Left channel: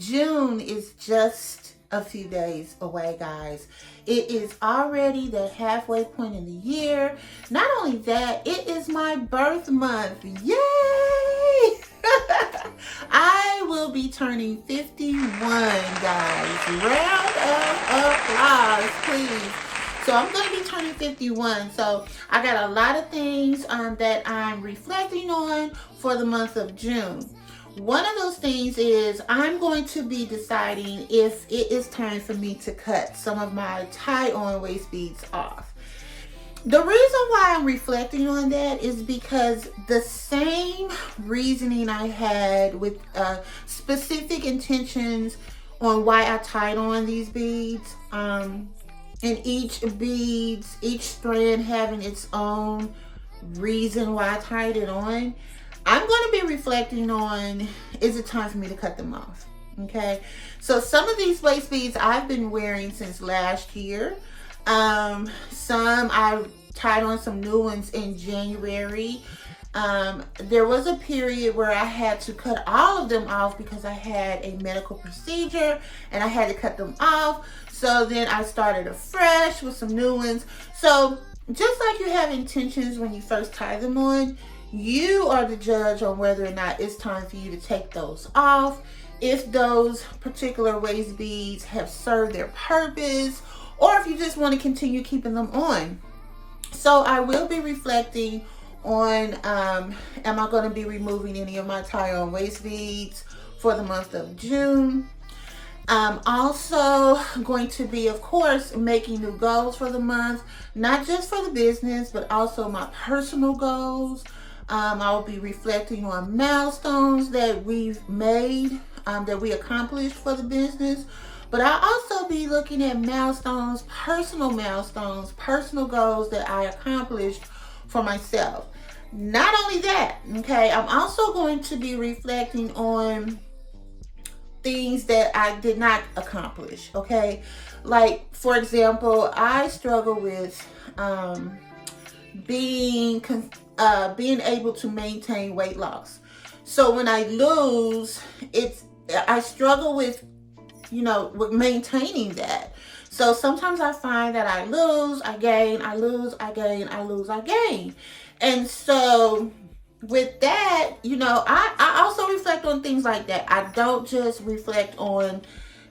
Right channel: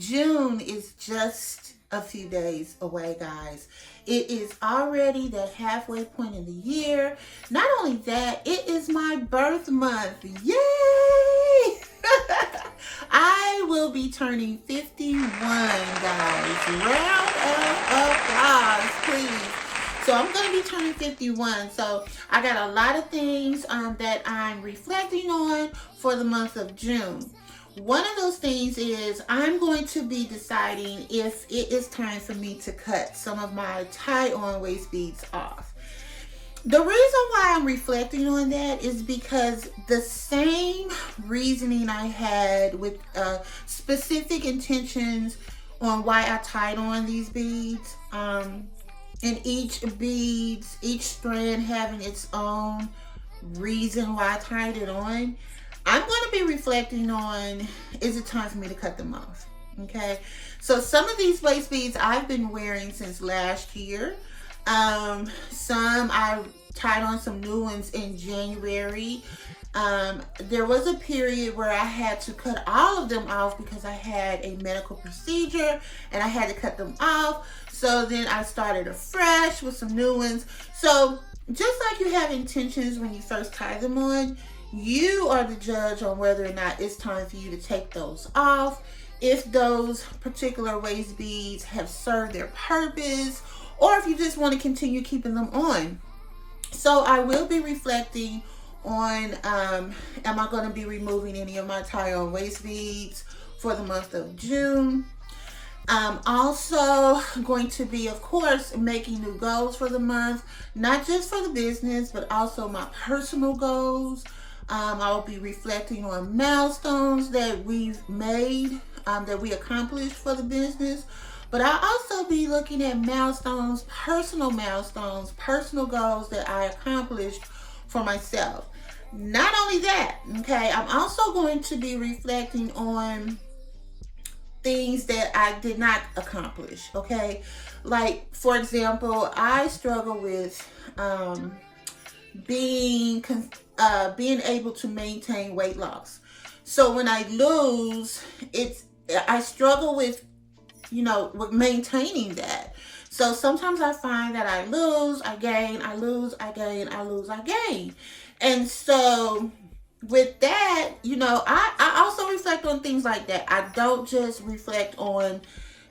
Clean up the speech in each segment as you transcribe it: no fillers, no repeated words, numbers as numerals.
June is just a few days away, guys. It is already the halfway point in the year. Not only that, it is my birth month. Yay! I will be turning 51, guys. Round of applause, please. So I'm going to be turning 51. So I got a lot of things that I'm reflecting on for the month of June. One of those things is I'm going to be deciding if it is time for me to cut some of my tie-on waist beads off. The reason why I'm reflecting on that is because the same reasoning I had with specific intentions on why I tied on these beads, and each strand having its own reason why I tied it on, I'm going to be reflecting on, is it time for me to cut them off? Okay, so some of these waist beads I've been wearing since last year. Some I tied on some new ones in January. There was a period where I had to cut all of them off because I had a medical procedure and I had to cut them off. So then I started afresh with some new ones. So just like you have intentions when you first tie them on, you are the judge on whether or not it's time for you to take those off, if those particular waist beads have served their purpose, or if you just want to continue keeping them on. So I will be reflecting on, am I going to be removing any of my tie-on waist beads for the month of June? Also going to be, of course, making new goals for the month, not just for the business, but also my personal goals. I will be reflecting on milestones that we've made, that we accomplished for the business. But I'll also be looking at milestones, personal goals that I accomplished for myself. Not only that, okay, I'm also going to be reflecting on things that I did not accomplish, okay? Like, for example, I struggle with being able to maintain weight loss. So when I lose, I struggle with, with maintaining that. So sometimes I find that I lose, I gain, I lose, I gain, I lose, I gain. And so with that, I also reflect on things like that. I don't just reflect on,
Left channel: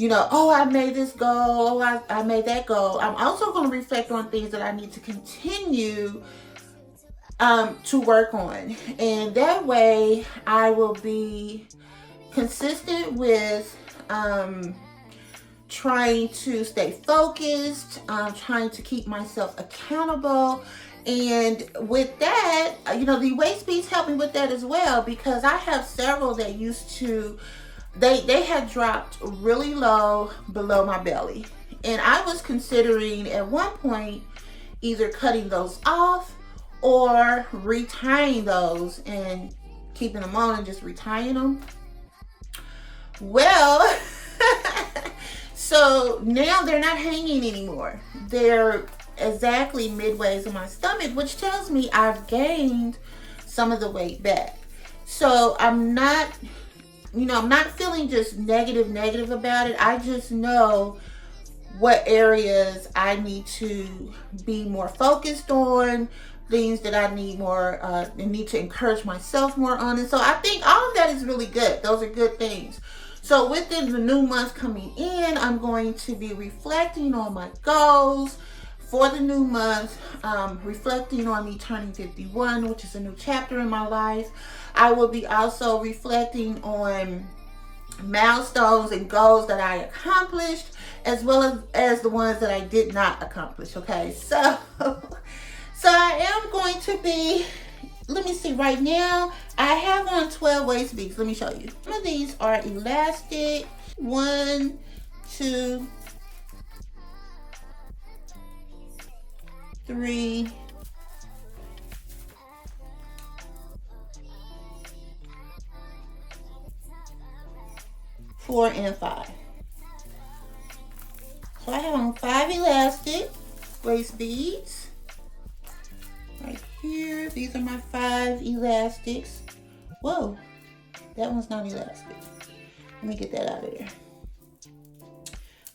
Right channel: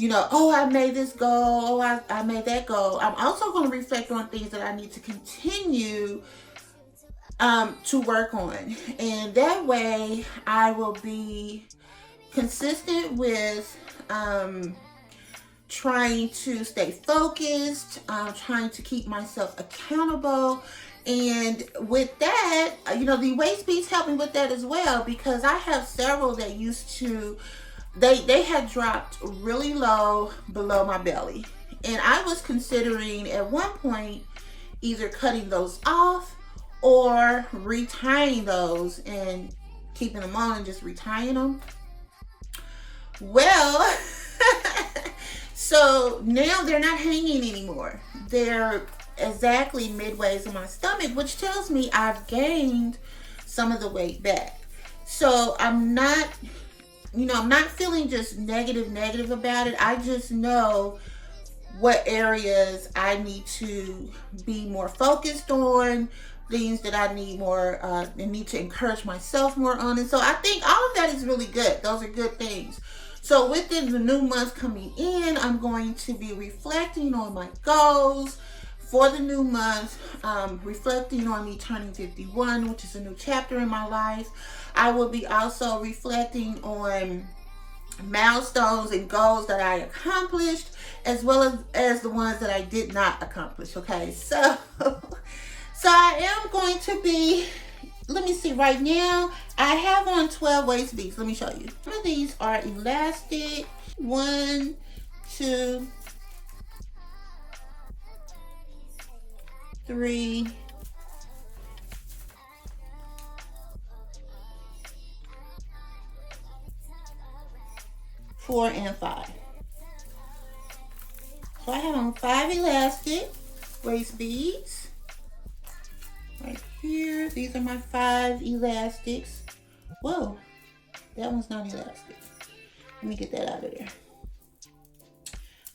oh, I made this goal, oh, I made that goal. I'm also going to reflect on things that I need to continue to work on. And that way I will be consistent with trying to stay focused, trying to keep myself accountable. And with that, the waist beads help me with that as well, because I have several that used to, they had dropped really low below my belly. And I was considering at one point either cutting those off or retying those and keeping them on and just retying them. Well, so now they're not hanging anymore. They're exactly midways in my stomach, which tells me I've gained some of the weight back. So I'm not feeling just negative about it. I just know what areas I need to be more focused on, things that I need more, need to encourage myself more on. And so I think all of that is really good. Those are good things. So within the new month coming in, I'm going to be reflecting on my goals for the new month, reflecting on me turning 51, which is a new chapter in my life. I will be also reflecting on milestones and goals that I accomplished, as well as the ones that I did not accomplish, okay? So I am going to be, let me see, right now, I have on 12 waist beads. Let me show you. Some of these are elastic. 1, 2, 3, 4, and 5. So I have on 5 elastic waist beads. Right here, these are my 5 elastics. Whoa, that one's not elastic. Let me get that out of there.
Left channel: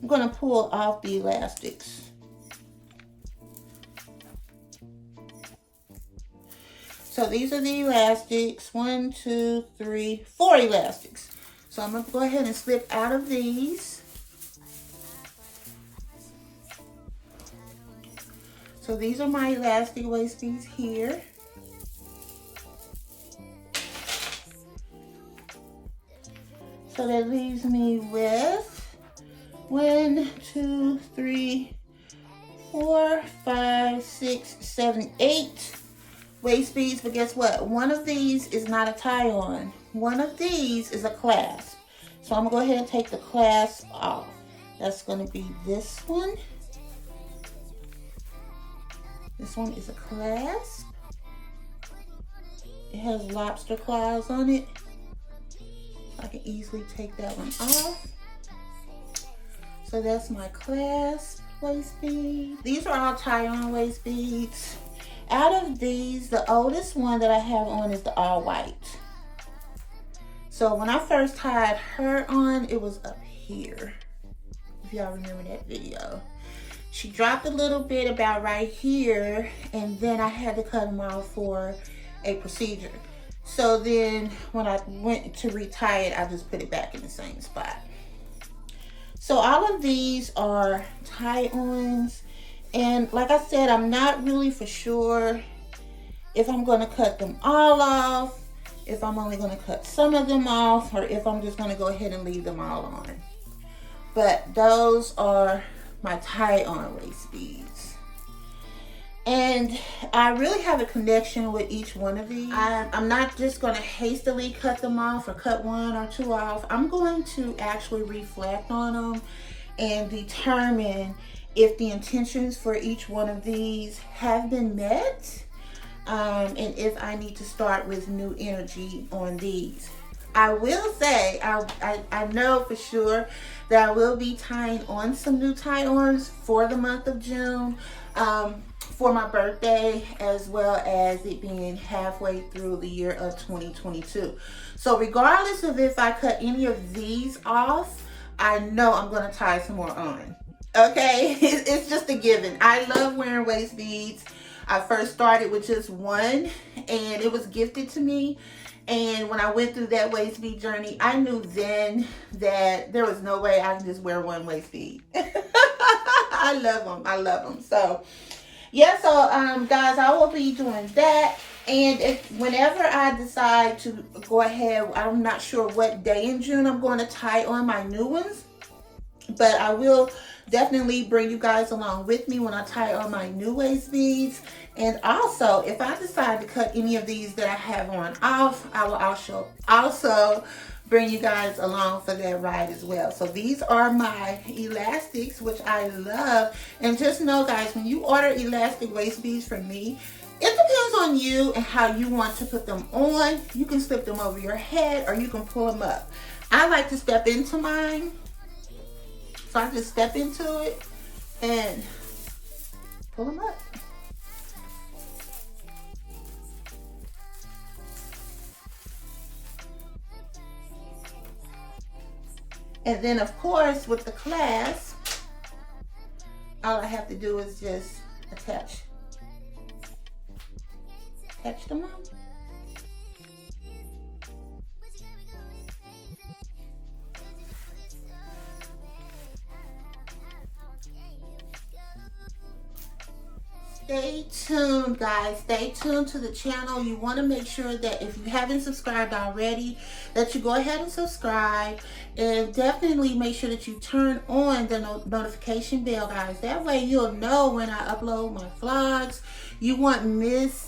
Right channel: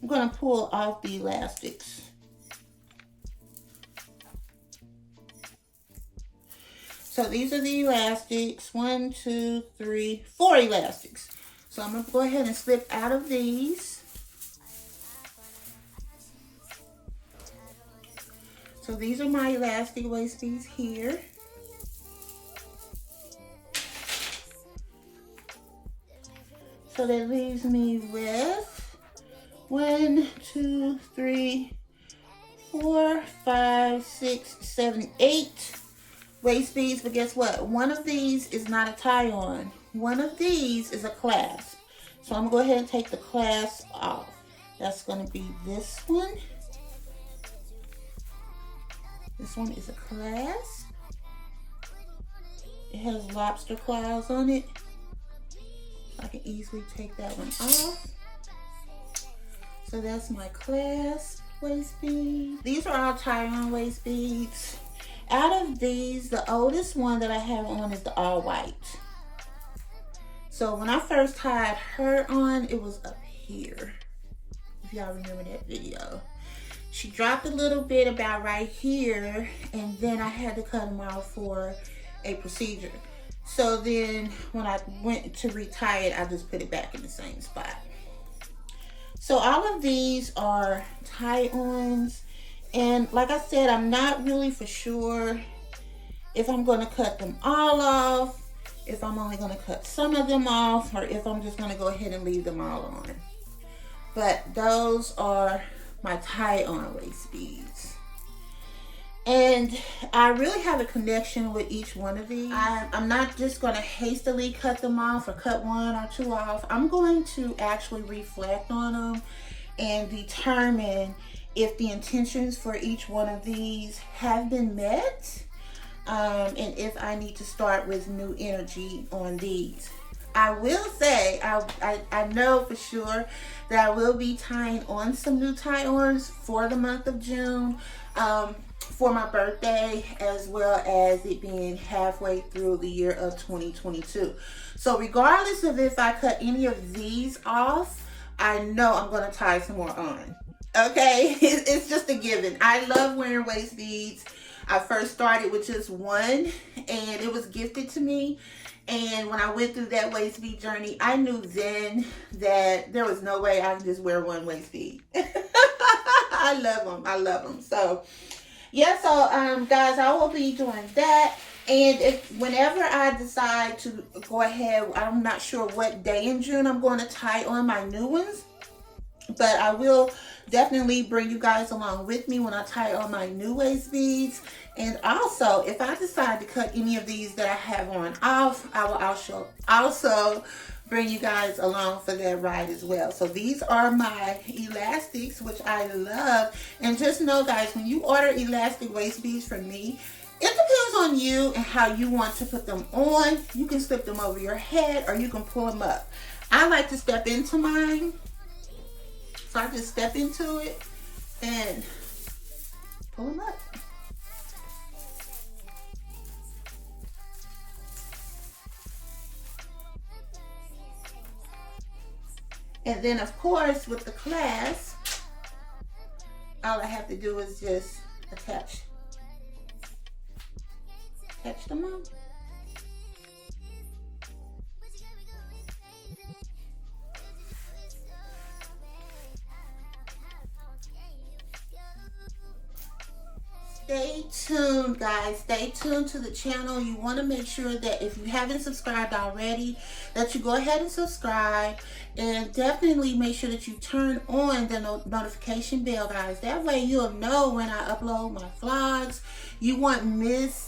I'm going to pull off the elastics. So these are the elastics. 1, 2, 3, 4 elastics. So I'm going to go ahead and slip out of these. So these are my elastic waist beads here. So that leaves me with 1, 2, 3, 4, 5, 6, 7, 8 waist beads. But guess what? One of these is not a tie-on. One of these is a clasp. So I'm gonna go ahead and take the clasp off. That's gonna be this one. This one is a clasp. It has lobster claws on it. I can easily take that one off. So that's my clasp waist bead. These are all tie-on waist beads. Out of these, the oldest one that I have on is the all white. So when I first tied her on, it was up here. If y'all remember that video. She dropped a little bit about right here, and then I had to cut them off for a procedure. So then when I went to retie it, I just put it back in the same spot. So all of these are tie-ons. And like I said, I'm not really for sure if I'm going to cut them all off, if I'm only going to cut some of them off, or if I'm just going to go ahead and leave them all on. But those are my tie-on waist beads. And I really have a connection with each one of these. I'm not just going to hastily cut them off or cut 1 or 2 off. I'm going to actually reflect on them and determine if the intentions for each one of these have been met, and if I need to start with new energy on these. I will say, I know for sure that I will be tying on some new tie-ons for the month of June, for my birthday, as well as it being halfway through the year of 2022. So regardless of if I cut any of these off, I know I'm going to tie some more on. Okay, it's just a given. I love wearing waist beads. I first started with just one, and it was gifted to me. And when I went through that waist bead journey, I knew then that there was no way I could just wear one waist bead. I love them. I love them. So yeah, so guys, I will be doing that. And whenever I decide to go ahead, I'm not sure what day in June I'm going to tie on my new ones, but I will definitely bring you guys along with me when I tie on my new waist beads. And also, if I decide to cut any of these that I have on off, I will also bring you guys along for that ride as well. So these are my elastics, which I love. And just know, guys, when you order elastic waist beads from me, it depends on you and how you want to put them on. You can slip them over your head, or you can pull them up. I like to step into mine. So I just step into it and pull them up. And then, of course, with the clasp, all I have to do is just attach them on. Stay tuned, guys. Stay tuned to the channel. You want to make sure that if you haven't subscribed already, that you go ahead and subscribe, and definitely make sure that you turn on the notification bell, guys. That way you'll know when I upload my vlogs. You won't miss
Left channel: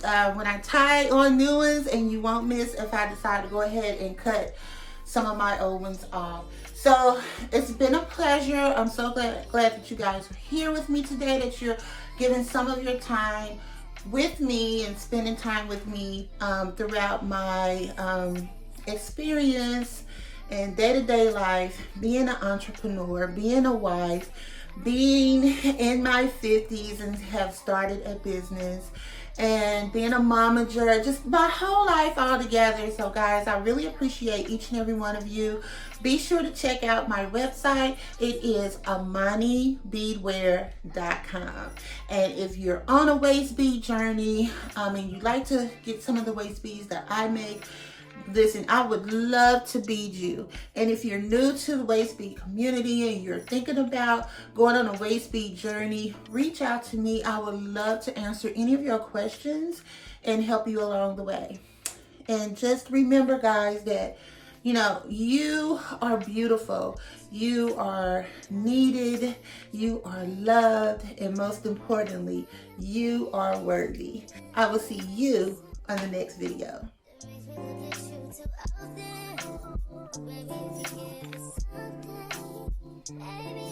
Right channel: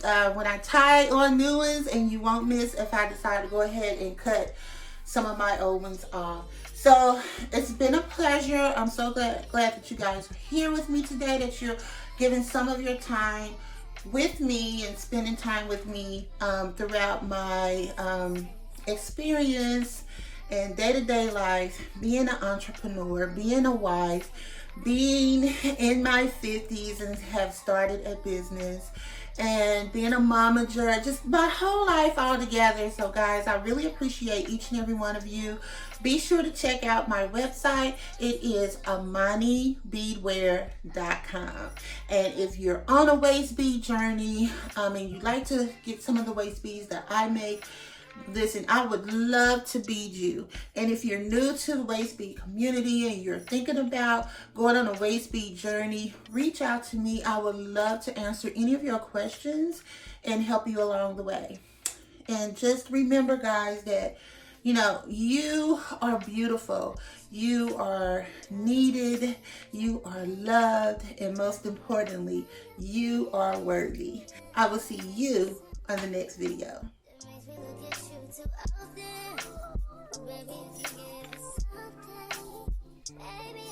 when I tie on new ones, and you won't miss if I decide to go ahead and cut some of my old ones off. So it's been a pleasure. I'm so glad that you guys are here with me today, that you're giving some of your time with me and spending time with me throughout my experience and day-to-day life, being an entrepreneur, being a wife, being in my 50s and have started a business, and being a momager, just my whole life all together. So guys, I really appreciate each and every one of you. Be sure to check out my website. It is amanibeadwear.com. And if you're on a waist bead journey and you'd like to get some of the waist beads that I make, listen, I would love to bead you. And if you're new to the waist bead community and you're thinking about going on a waist bead journey, reach out to me. I would love to answer any of your questions and help you along the way. And just remember, guys, that you are beautiful, you are needed, you are loved, and most importantly, you are worthy. I will see you on the next video. Baby,